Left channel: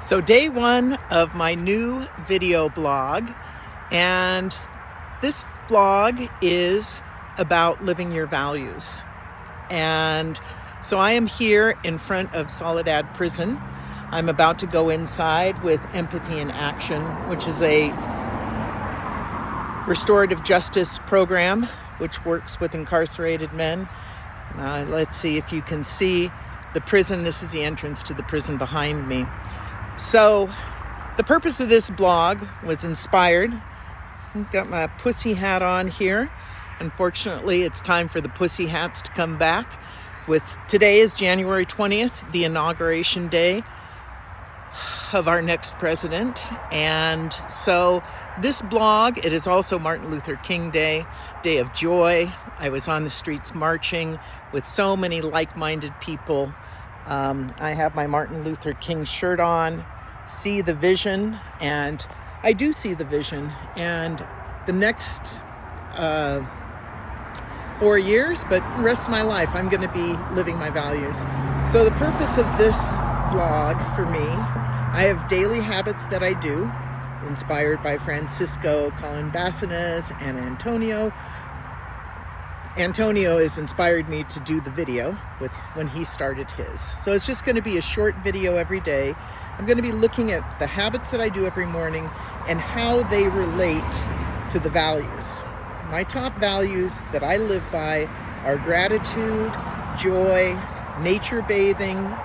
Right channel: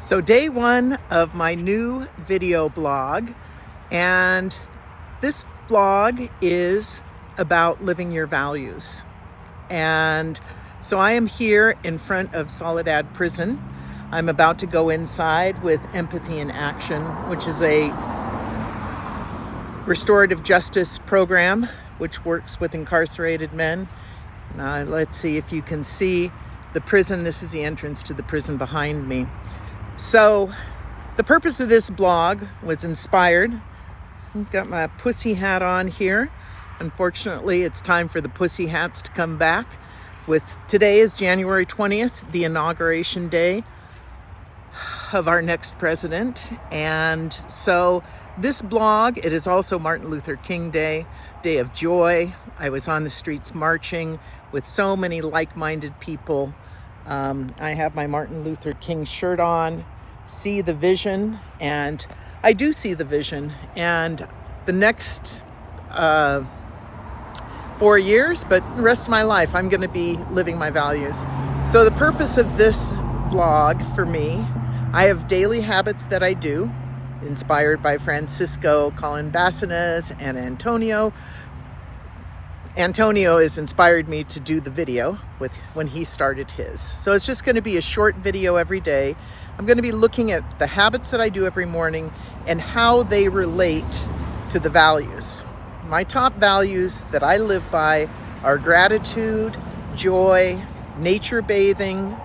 So day one of my new video blog, and this blog is about living your values. And so I am here in front of Soledad Prison. I'm about to go inside with Empathy in Action, which is a restorative justice program which works with incarcerated men. Let's see if you can see the prison. This is the entrance to the prison behind me. So the purpose of this blog was inspired. I've got my pussy hat on here. Unfortunately, it's time for the pussy hats to come back. Today is January 20th, the inauguration day of our next president. And so this blog, it is also Martin Luther King Day, Day of Joy. I was on the streets marching with so many like-minded people. I have my Martin Luther King shirt on, see the vision, and I do see the vision. And the next 4 years, but the rest of my life, I'm going to be living my values. So the purpose of this blog for me, I have daily habits that I do, inspired by Francisco Colan-Bassanes and Antonio. Antonio has inspired me to do the video when he started his. So it's just going to be a short video every day. I'm going to be looking at the habits that I do every morning and how they relate to the values. My top values that I live by are gratitude, joy, nature bathing,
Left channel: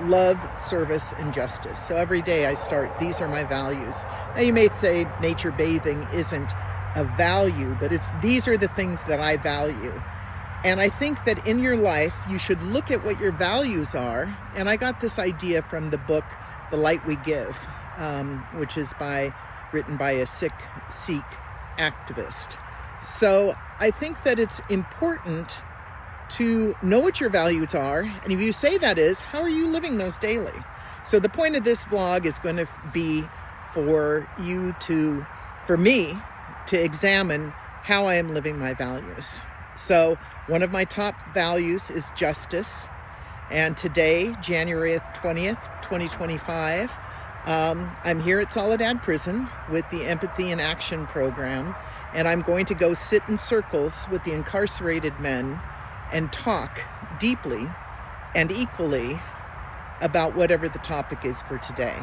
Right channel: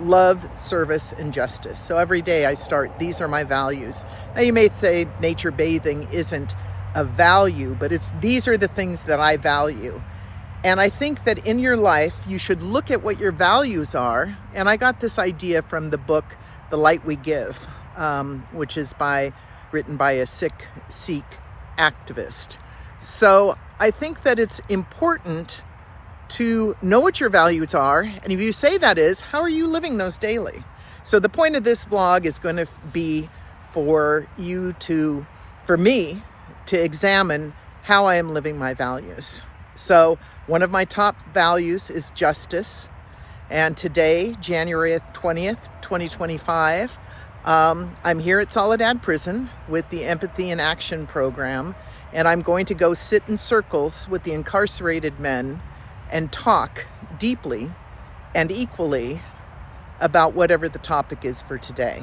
love, service, and justice. So every day I start, these are my values. Now you may say nature bathing isn't a value, but these are the things that I value. And I think that in your life, you should look at what your values are. And I got this idea from the book, The Light We Give, which is written by a Sikh activist. So I think that it's important to know what your values are. And if you say that is, how are you living those daily? So the point of this blog is going to be for me to examine how I am living my values. So one of my top values is justice. And today, January 20th, 2025, I'm here at Soledad Prison with the Empathy in Action program. And I'm going to go sit in circles with the incarcerated men and talk deeply and equally about whatever the topic is for today.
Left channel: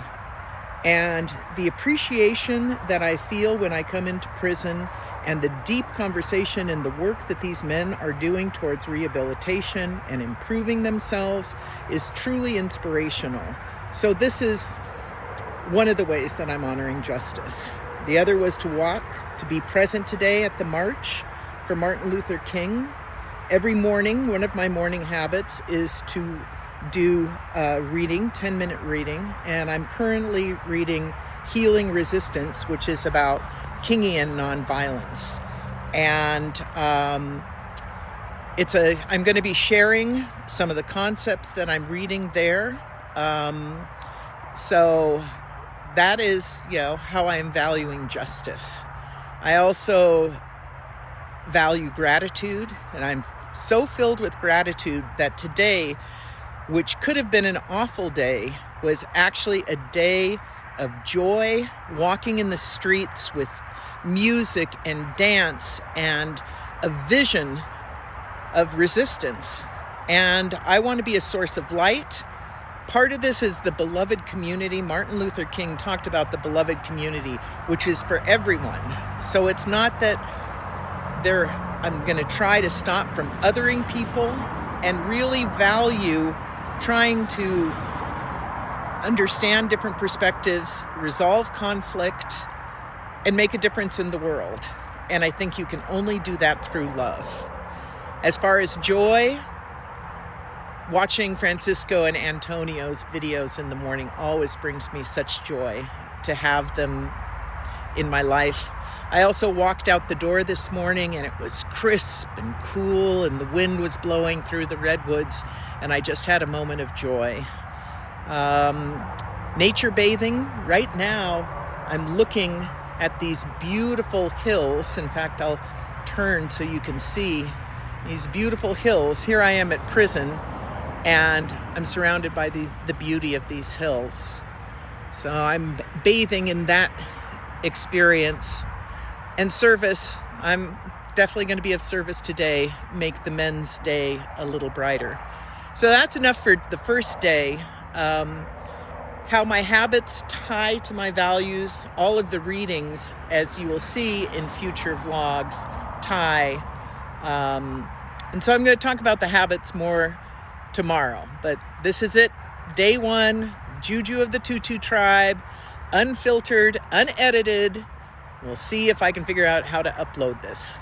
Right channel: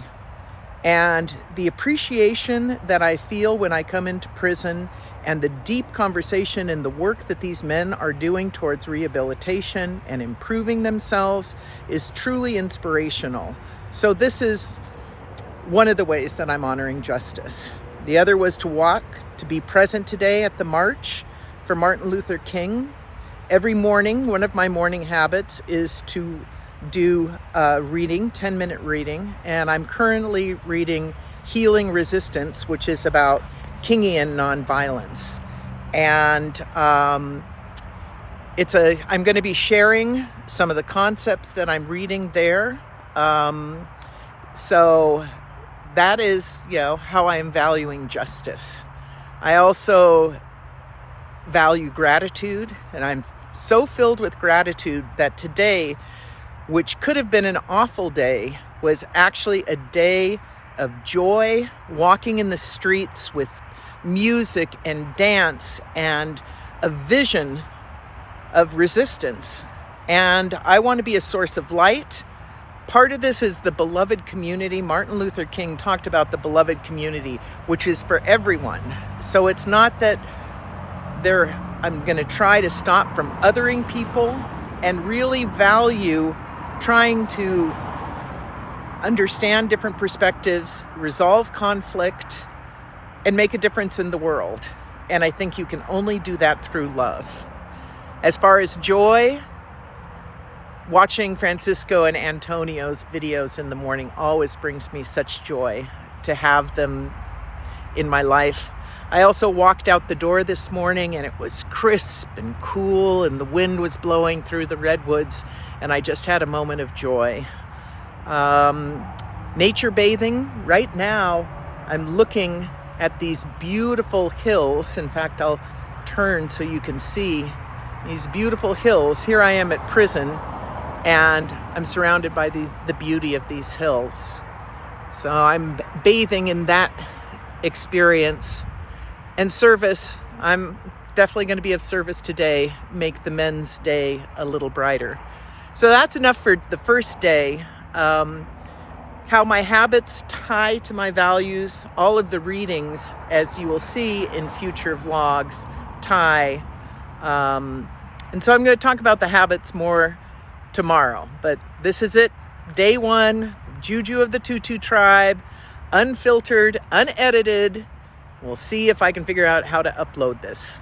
And the appreciation that I feel when I come into prison and the deep conversation and the work that these men are doing towards rehabilitation and improving themselves is truly inspirational. So this is one of the ways that I'm honoring justice. The other was to be present today at the march for Martin Luther King. Every morning, one of my morning habits is to do reading, 10-minute reading, and I'm currently reading Healing Resistance, which is about Kingian nonviolence. And I'm going to be sharing some of the concepts that I'm reading there. So that is, how I am valuing justice. I also value gratitude, and I'm so filled with gratitude that today, which could have been an awful day, was actually a day of joy, walking in the streets with music and dance and a vision of resistance. And I want to be a source of light. Part of this is the beloved community. Martin Luther King talked about the beloved community, which is for everyone. So it's not that I'm going to try to stop from othering people and really value trying to understand different perspectives, resolve conflict, and make a difference in the world. And I think you can only do that through love. As far as joy, watching Francisco and Antonio's videos in the morning always brings me such joy to have them in my life. I also walked out the door this morning and it was crisp and cool and the wind was blowing through the redwoods and I just had a moment of joy. Nature bathing. Right now I'm looking at these beautiful hills. In fact, I'll turn so you can see these beautiful hills. Here I am at prison and I'm surrounded by the beauty of these hills. So I'm bathing in that experience. And service, I'm definitely going to be of service today, make the men's day a little brighter. So that's enough for the first day. How my habits tie to my values, all of the readings, as you will see in future vlogs, tie. And so I'm going to talk about the habits more tomorrow. But this is it, day one, Juju of the Tutu tribe, unfiltered, unedited. We'll see if I can figure out how to upload this.